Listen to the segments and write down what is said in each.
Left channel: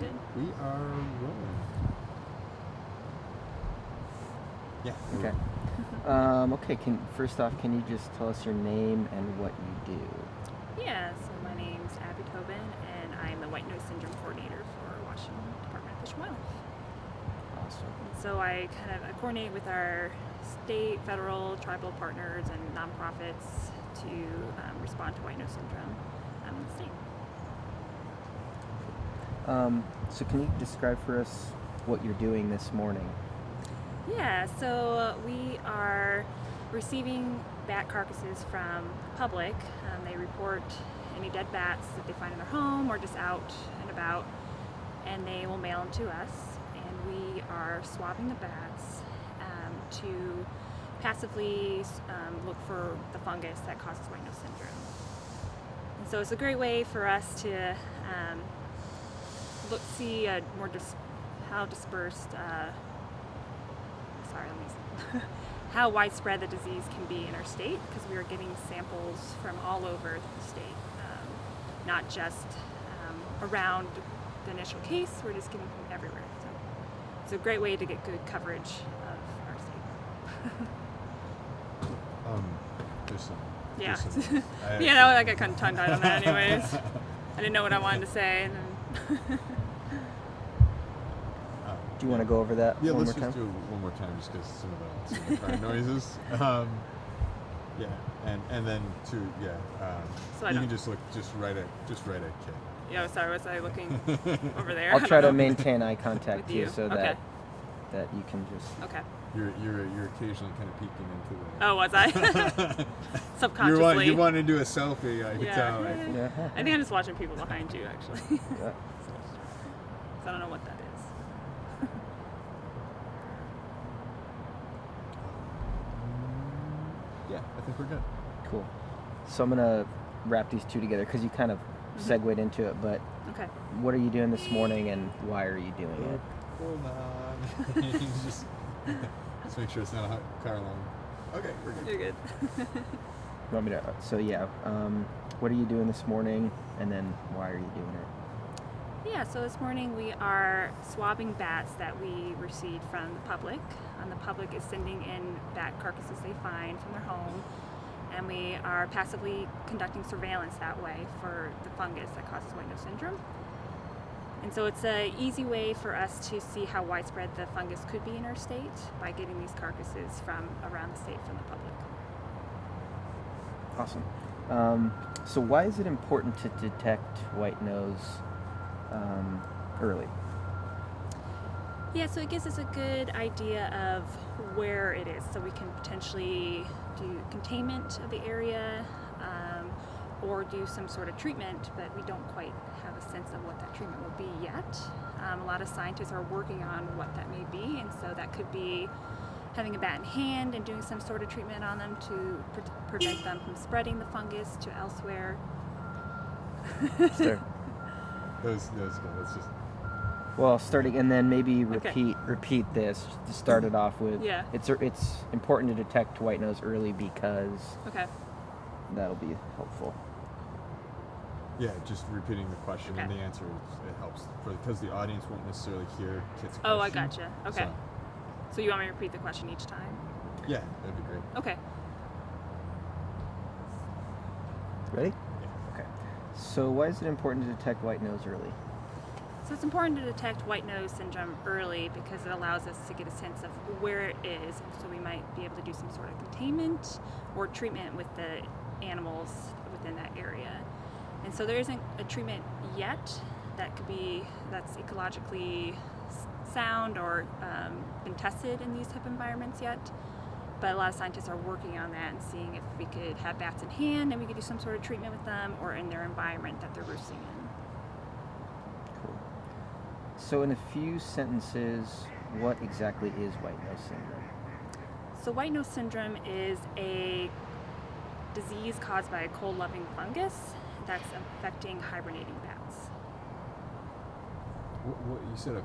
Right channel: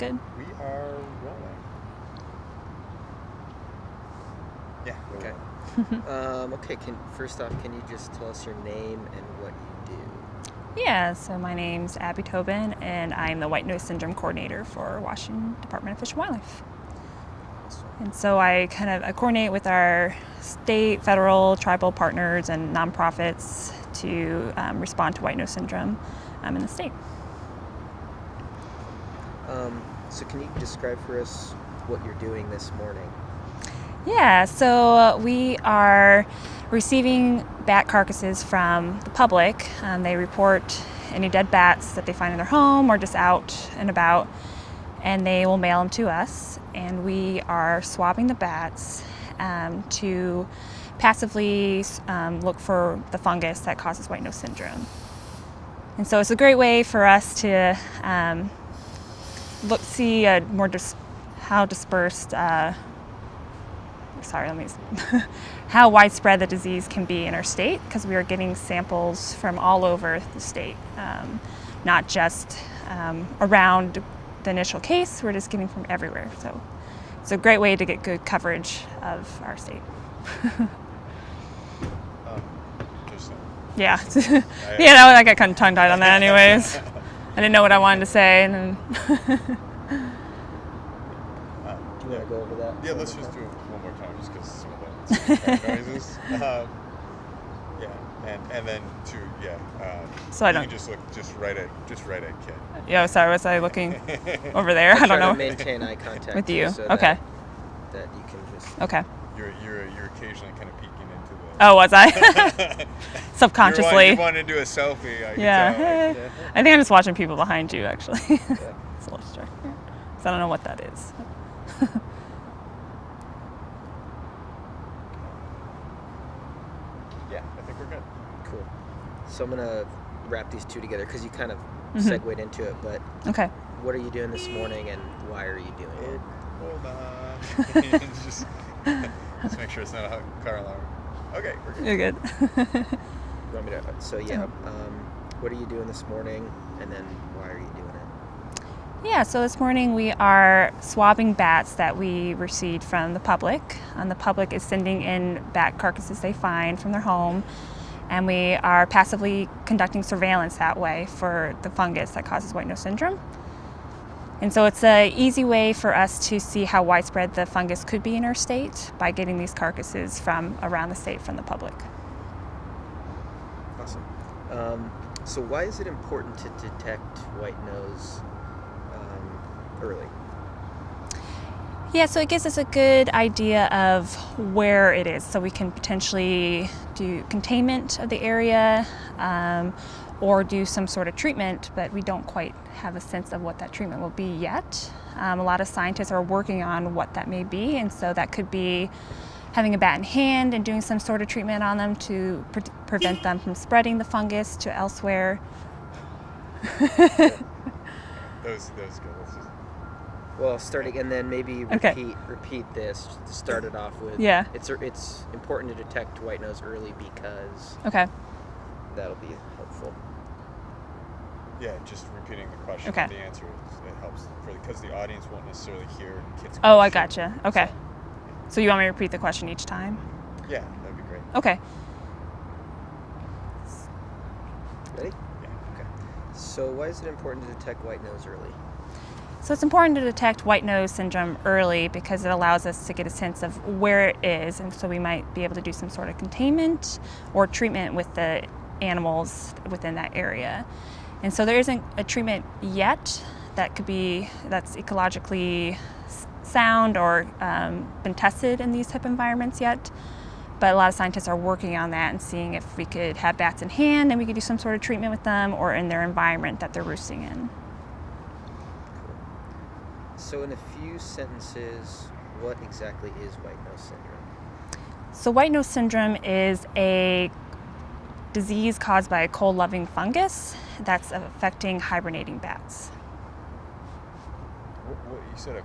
good. We are rolling. Yeah. Okay. Okay. First off, can you just tell us your name and what you do? Yeah, so my name's AbbyTobin, and I'm the White Nose Syndrome Coordinator for Washington Department of Fish and Wildlife. Awesome. And so I coordinate with our state, federal, tribal partners and nonprofits to respond to white nose syndrome in the state. So can you describe for us what you're doing this morning? Yeah, so we are receiving bat carcasses from the public. They report any dead bats that they find in their home or just out and about, and they will mail them to us. And we are swabbing the bats to passively look for the fungus that causes white nose syndrome. And so it's a great way for us to see how dispersed. How widespread the disease can be in our state, because we are getting samples from all over the state, not just around the initial case. We're just getting from everywhere. So it's a great way to get good coverage of our state. Yeah. I got kind of tongue-tied on that anyways. I didn't know what I wanted to say. And then do you want to go over that? Yeah, let's just do it one more time, just because some of the background noises. And then so I you don't. can just right at Ken. Yeah, sorry. Was I looking over there? I'll I don't try know. to maintain eye contact with you. so Okay. That you can just. Okay. You're occasionally kind of peeking into the. Oh, was I? Subconsciously. You wanted to do a selfie. I Yeah. could tell. I think I'm just watching people behind you, actually. It's a little distracting. So I don't know what that is. Yeah, I think we're good. Cool. So I'm gonna wrap these two together because you kind of segued into it. But Okay. what are you doing this morning, and why are you doing it? Hold on. Let's make sure it's not a car alarm. Okay, we're good. You're good. You want me to? So yeah. What are you doing this morning, and then why are you doing it? Yeah, so this morning we are swabbing bats that we received from the public. And the public is sending in bat carcasses they find from their home. And we are passively conducting surveillance that way for the fungus that causes white nose syndrome. And so it's an easy way for us to see how widespread the fungus could be in our state by getting these carcasses from around the state from the public. Awesome. So why is it important to detect white nose early? Yeah, so it gives us a good idea of where it is, so we can potentially do containment of the area or do some sort of treatment, but we don't quite have a sense of what that treatment will be yet. A lot of scientists are working on what that may be, and so that could be having a bat in hand and doing some sort of treatment on them to prevent them from spreading the fungus to elsewhere. Sure. That was good. Let's just. Well, starting and then maybe Okay. repeat this to start it off with. Yeah. It's important to detect white nose early because Okay. that'll be helpful. Yeah, just repeating the question. Okay. And the answer it helps because the audience won't necessarily hear Kit's question. Oh, I gotcha. Okay. So, So you want me to repeat the question each time? yeah, that'd be great. Okay. Ready? Yeah. Okay. So why is it important to detect white nose early? So it's important to detect white nose syndrome early because it allows us to get a sense of where it is, and so we might be able to do some sort of containment or treatment with the animals within that area. And so there isn't a treatment yet that's ecologically sound or been tested in these type of environments yet. But a lot of scientists are working on that and seeing if we could have bats in hand and we could do some sort of treatment with them or in their environment that they're roosting in. So in a few sentences, what exactly is white nose syndrome? So white nose syndrome is a disease caused by a cold-loving fungus that's affecting hibernating bats. What you said a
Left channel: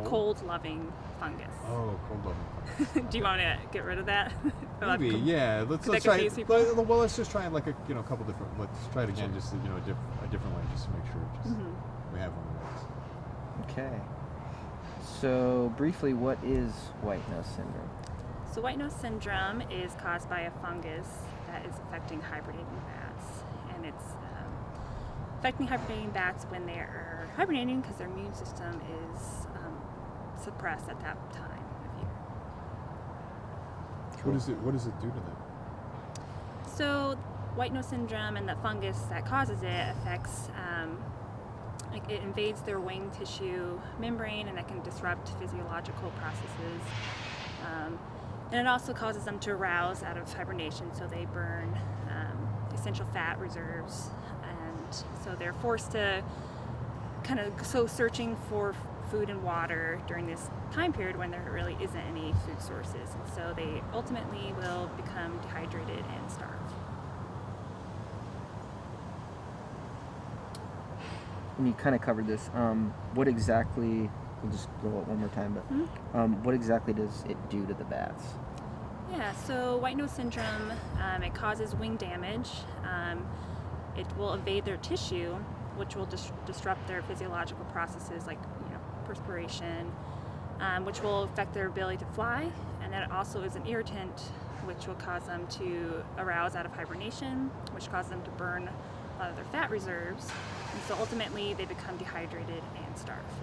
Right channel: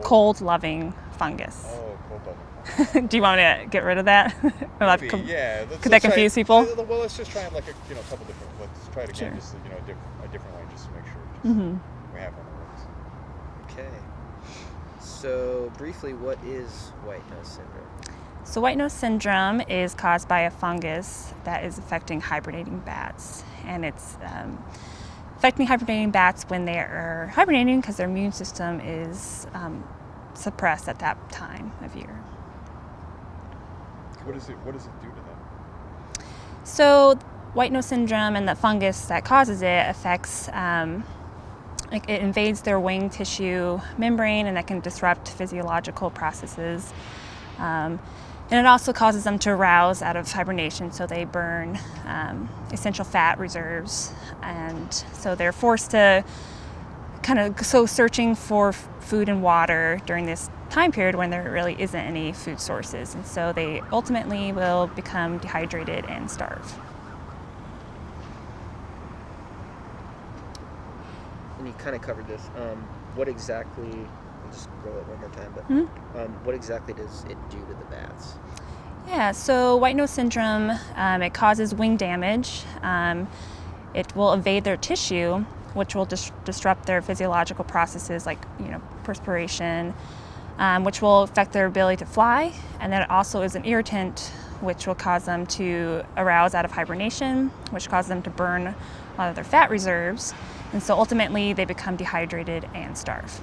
Cold-loving fungus. Oh, cold-loving. Do you want me to get rid of that? Maybe, yeah. Could that confuse people? Well, let's just try like a couple different. Let's try it again, Sure. just a different way, just to make sure we have one. Okay. So briefly, what is white nose syndrome? So white nose syndrome is caused by a fungus that is affecting hibernating bats, and it's affecting hibernating bats when they are hibernating because their immune system is suppressed at that time of year. What does it do to them? So white nose syndrome and the fungus that causes it affects, it invades their wing tissue membrane, and that can disrupt physiological processes. And it also causes them to arouse out of hibernation, so they burn essential fat reserves, and so they're forced to kind of go searching for food and water during this time period when there really isn't any food sources, and so they ultimately will become dehydrated and starve. And you kind of covered this. What exactly? We'll just roll it one more time. But what exactly does it do to the bats? Yeah, so white nose syndrome, it causes wing damage. It will invade their tissue, which will disrupt their physiological processes like perspiration, which will affect their ability to fly. And then it also is an irritant, which will cause them to arouse out of hibernation, which causes them to burn a lot of their fat reserves. And so ultimately they become dehydrated and starve.